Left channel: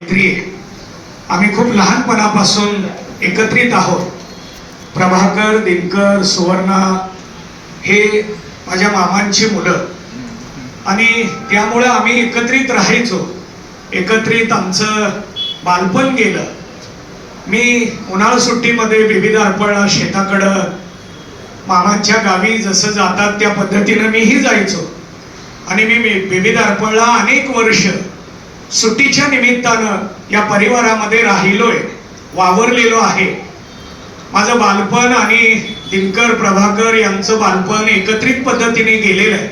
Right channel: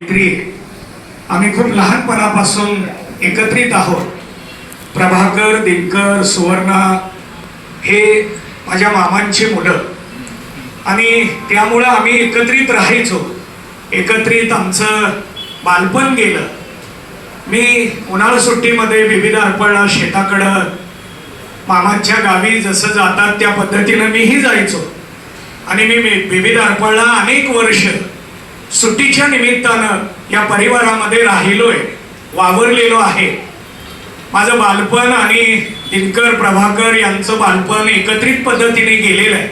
आम्ही खूप लहानपणापासून एकत्रित आहोत. प्रभाकर, दिनकर, सुवर्णा हे माझ्या मामांची मुलं आणि त्यामुळे आम्ही एकत्रित राहायचो. एकत्रित आमचं बालपण गेलं. मी उन्हाळा सुट्टीमध्ये विविध अर्पणला शेताकडं मामांच्या गावी जसं जातात त्या पद्धतीनं मीही जायचो आणि मी विविध अर्पणला अनेक वर्ष सुट्टीच्या निमित्तानं या परिवारामध्ये राहिलोय, वावरलेलो आहे. माझं बालपण आणि दिनकर, प्रभाकर यांचं बालपण एकत्रित पद्धतीने गेलेलं आहे.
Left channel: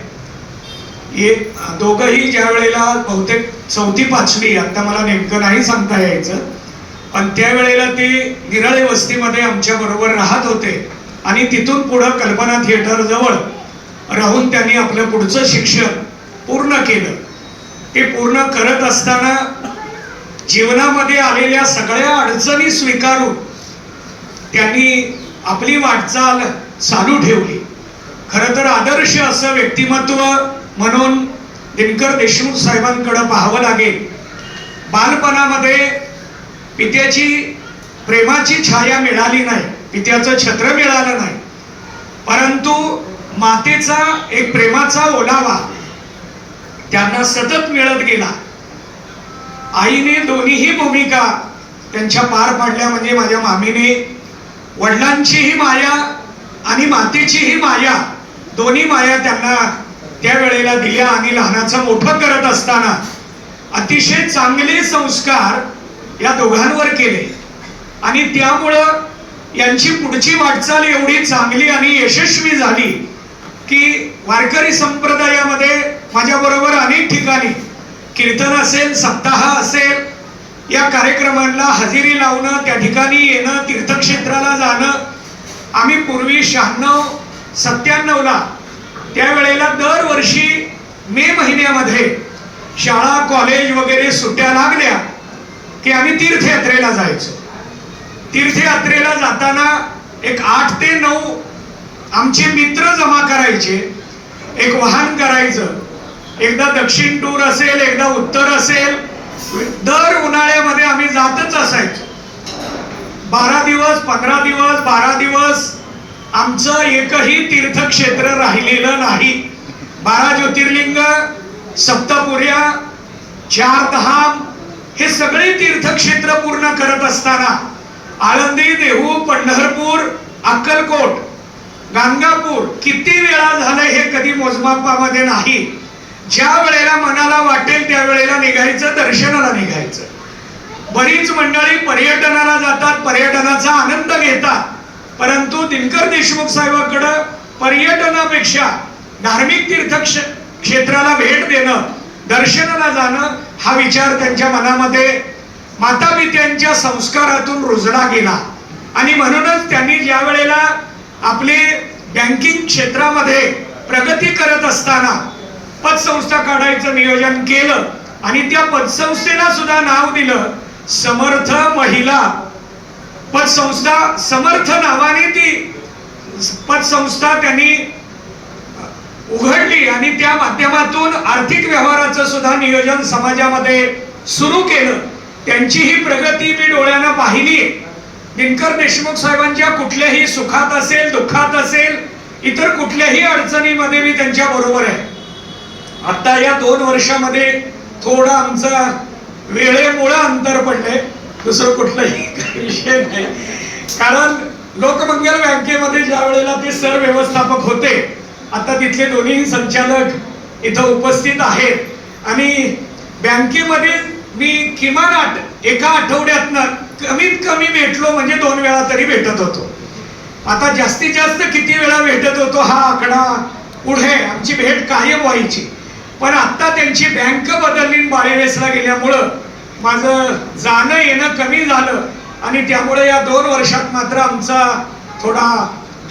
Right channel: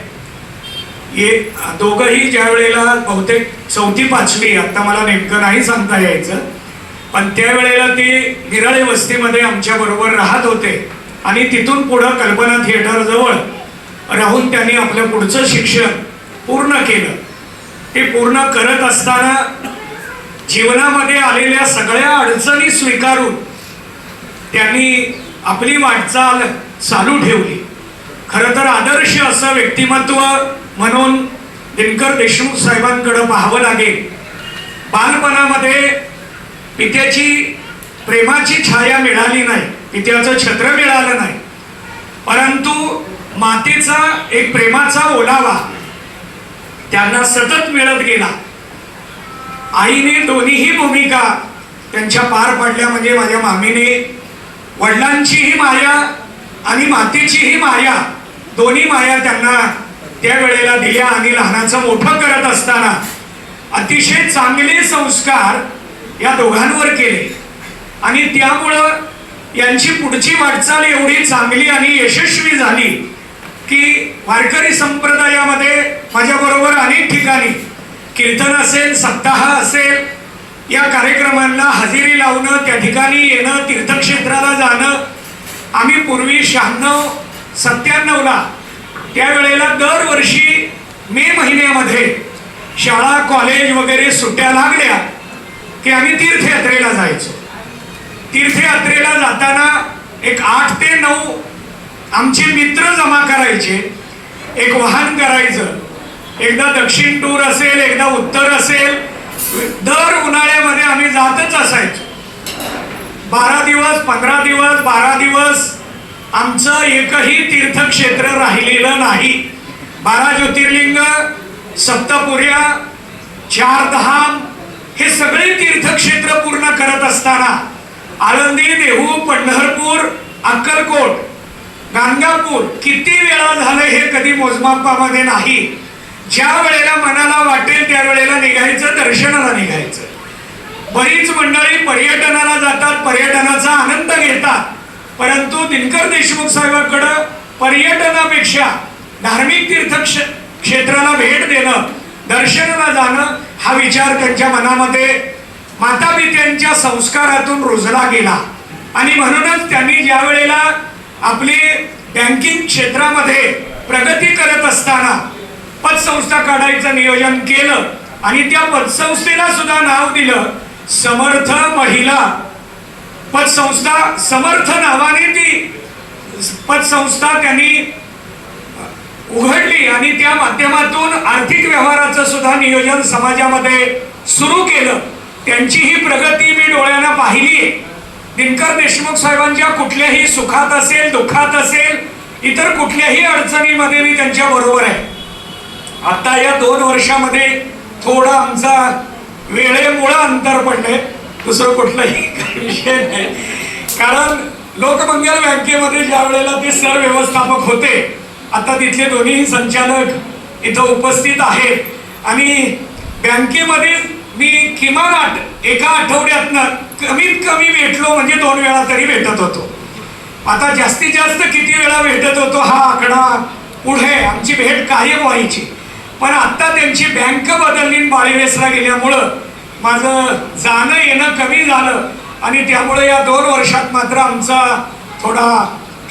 दोघंही ज्या वेळेला बहुतेक 4वी-5वी, आता मला नेमकं नाही सांगता यायचं, पण त्यावेळेला ते विरळे वस्तीमध्ये आमच्या बरोबर राहत होते आणि तिथून पुढं कल्पना थिएटर जवळ राहून त्यांनी आपलं पुढचं शिक्षण पूर्ण केलं. ते पूर्ण करत असताना जीवनामध्ये आलेल्या सगळ्या अडचणी स्वीकारून त्यांनी आपली वाटचाल चालू ठेवली. खरं तर आदर्श असं व्यक्तिमत्व म्हणून दिनकर देशमुख साहेबांकडे पाहावं लागेल. बालपणामध्ये पित्याची प्रेमाची छाया मिळाली नाही, पित्याचं छत्र मिळालं नाही, परंतु मातेचा एक प्रेमाचा ओलावा त्यांना सतत मिळत गेला. आईने दोन्हीही भूमिका त्यांच्या पार पाडल्या. म्हणजे माझ्या मामीने वडिलांचीही माया आणि मातेचीही माया, दोन्ही माया त्यांना त्यावेळेला दिल्या आणि लहानाचं मोठं करत असताना अतिशय चांगले संस्कार या दोघांवर केले आणि त्यामुळं यांची पुढची वाटचाल एवढी चांगली आणि यशस्वी झाली की वारकरी संप्रदायामध्ये माझ्या बरोबर अनेक ठिकाणी कीर्तन असेल, सप्ताह असेल, या कार्यक्रमांना हजेरी लावणं, त्या ठिकाणी येणं, तीर्थक्षेत्राला जाणं. आम्ही पूर्वी 96-97ला त्यावेळेला दरवर्षी मे महिन्यामध्ये शाळा, कॉलेज वगैरे सुट्ट्या लागल्या की आम्ही तीर्थयात्रेला जायचो. तीर्थयात्रेला जाताना एक 8 ते 9 आमचे मित्र जमा करायचे, एक वाहन करायचं. एकदा दक्षिण टूर असेल, एकदा उत्तर असेल, दर उन्हाळ्यामध्ये आम्ही जातच असायचो. 12 दिवस, 15 दिवस, 12 दिवस आमचं एकही तीर्थक्षेत्र राहिलेलं नाही. 12 ज्योतिर्लिंग, सप्तपुर्या, 4 धाम हे सगळे तीर्थक्षेत्र पूर्ण करत असताना आळंदी, देहू, पंढरपूर, अक्कलकोट, गाणगापूर किती वेळा झालं हे कधी मोजमापामध्ये नाही. ज्या वेळेला मनाला वाटेल त्या वेळेला निघायचं, दर्शनाला निघायचं. बरीच मंडळी पर्यटनाला जातात, पर्यटनाचा आनंद घेतात, परंतु दिनकर देशमुख साहेबांकडे पर्यटनापेक्षा धार्मिक तीर्थक्षेत्राला भेट देणं, दर्शनाला जाणं हा विचार त्यांच्या मनामध्ये मातापित्यांच्या संस्कारातून रुजला गेला. आणि म्हणूनच त्यांनी ज्या वेळेला आपले बँकिंग क्षेत्रामध्ये प्रगती करत असताना पतसंस्था काढायचं नियोजन केलं आणि त्या पतसंस्थेला सुद्धा नाव दिलं समर्थ महिला पतसंस्था. समर्थ नावाने ती पतसंस्था त्यांनी उघडली आणि त्या माध्यमातून आर्थिक व्यवहाराचं सुद्धा नियोजन समाजामध्ये सुरू केलं. त्यांची ही प्रगती मी डोळ्यानं पाहिली. दिनकर देशमुख साहेबांच्या कुठल्याही सुखात असेल, दुःखात असेल, इतर कुठल्याही अडचणीमध्ये मी त्यांच्या बरोबर आहे. आता या 2 वर्षामध्ये थोडा आमचा वेळेमुळे अंतर पडले, दुसरं कुठलाही विषय नाही. कारण लोकमंगल बँकेमध्ये ज्या वेळेला ते सर व्यवस्थापक होते, आता तिथले दोन्ही संचालक इथं उपस्थित आहेत आणि बँकेमध्ये मी किमान एका आठवड्यातनं कमीत कमी भेटलो म्हणजे 2 वेळा तरी भेटत होतो. आता जास्तीत जास्त किती वेळा भेटत होतो हा आकडा पुढे, आमची भेट कायम व्हायची. पण आता त्यांची बँक बदलली, बाळेवेसला गेल्यामुळं माझं जाणं येणं कमी झालं आणि त्यामुळे या 2 वर्षात मात्र आमचा थोडा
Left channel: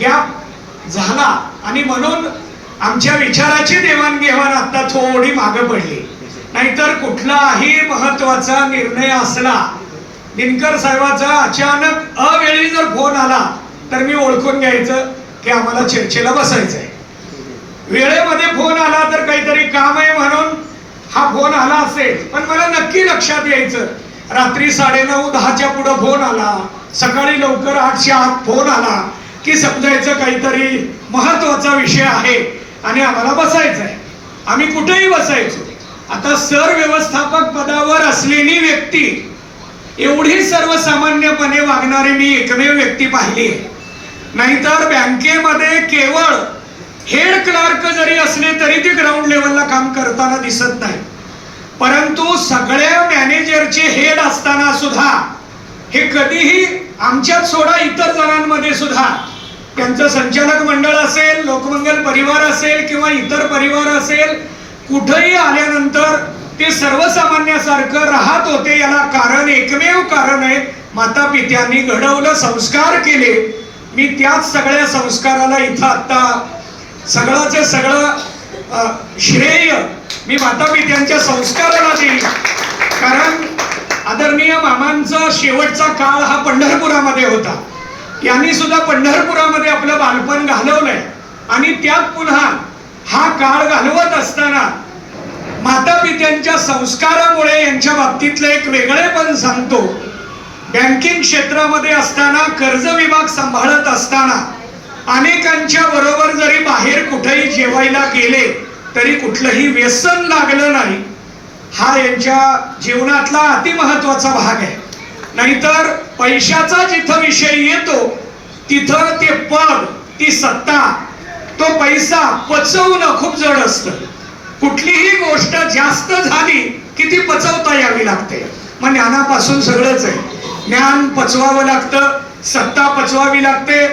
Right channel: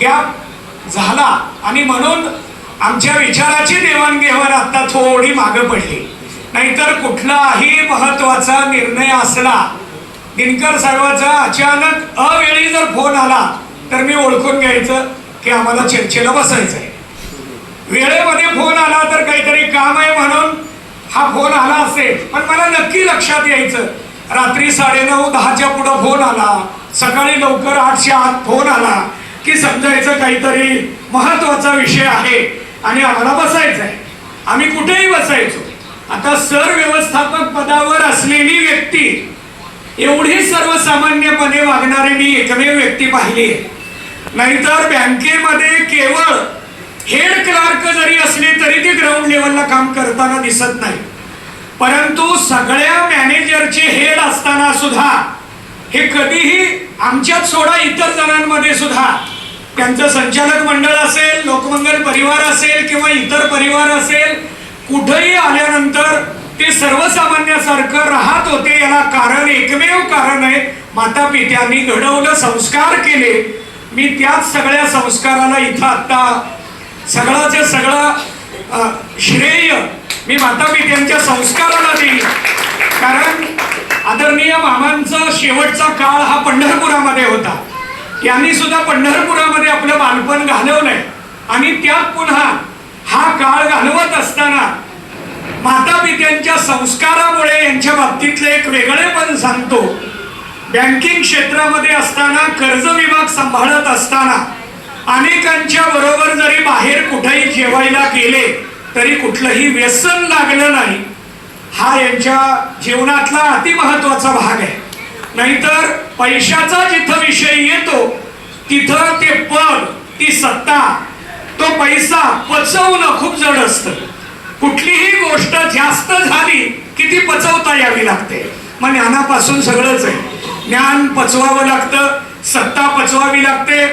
गॅप झाला आणि म्हणून आमच्या विचाराची देवाणघेवाण आता थोडी मागे पडली. नाहीतर कुठलाही महत्वाचा निर्णय असला, दिनकर साहेबाचा अचानक अवेळी जर फोन आला तर मी ओळखून घ्यायचं की आम्हाला चर्चेला बसायचंय. वेळेमध्ये फोन आला तर काहीतरी काम आहे म्हणून हा फोन आला असेल, पण मला नक्की लक्षात यायचं रात्री 9:30 10च्या पुढं फोन आला, सकाळी लवकर 8च्या आत फोन आला की समजायचं काहीतरी महत्वाचा विषय आहे आणि आम्हाला बसायचं आहे. आम्ही कुठेही बसायचो. आता सर व्यवस्थापक पदावर असलेली व्यक्ती, एवढी सर्वसामान्यपणे वागणारी मी एकमेव व्यक्ती पाहिली आहे. नाहीतर बँकेमध्ये केवळ हेड क्लार्क जरी असले तरी ते ग्राउंड लेवलला काम करताना दिसत नाही. परंतु सगळ्या मॅनेजरचे हेड असताना सुद्धा हे कधीही आमच्यात सोडा इतर जणांमध्ये सुद्धा, त्यांचं संचालक मंडळ असेल, लोकमंगल परिवार असेल किंवा इतर परिवार असेल, कुठेही आल्यानंतर ते सर्वसामान्यासारखं राहत होते. याला कारण, एकमेव कारण आहे, माता पित्यांनी घडवलं, संस्कार केले. मी त्याच सगळ्या संस्काराला इथं आता सगळ्याचे सगळं श्रेय मी माता पित्यांच्या संस्काराला देईल. कारण आदरणीय मामांचा शेवटचा काळ हा पंढरपुरामध्ये होता. यांनी सुद्धा पंढरपुरामध्ये आपलं बालपण घालवलंय आणि त्यात पुन्हा हा काळ घालवत असताना माता पित्यांच्या संस्कारामुळे यांच्या बाबतीतलं एक वेगळेपण सांगतो. बँकिंग क्षेत्रामध्ये असताना, कर्ज विभाग सांभाळत असताना अनेकांच्या बरोबर जरी बाहेर कुठेही जेवायला गेले तरी कुठलंही व्यसन लागलं नाही. हा यांच्या जीवनातला अतिमहत्वाचा भाग आहे. नाहीतर पैशाचा जिथं विषय येतो तिथं ते पद, ती सत्ता, तो पैसा पचवणं खूप जड असतं. कुठलीही गोष्ट जास्त झाली की ती पचवता यावी लागते. मग ज्ञानापासून सगळंच आहे. ज्ञान पचवावं लागतं, सत्ता पचवावी लागते,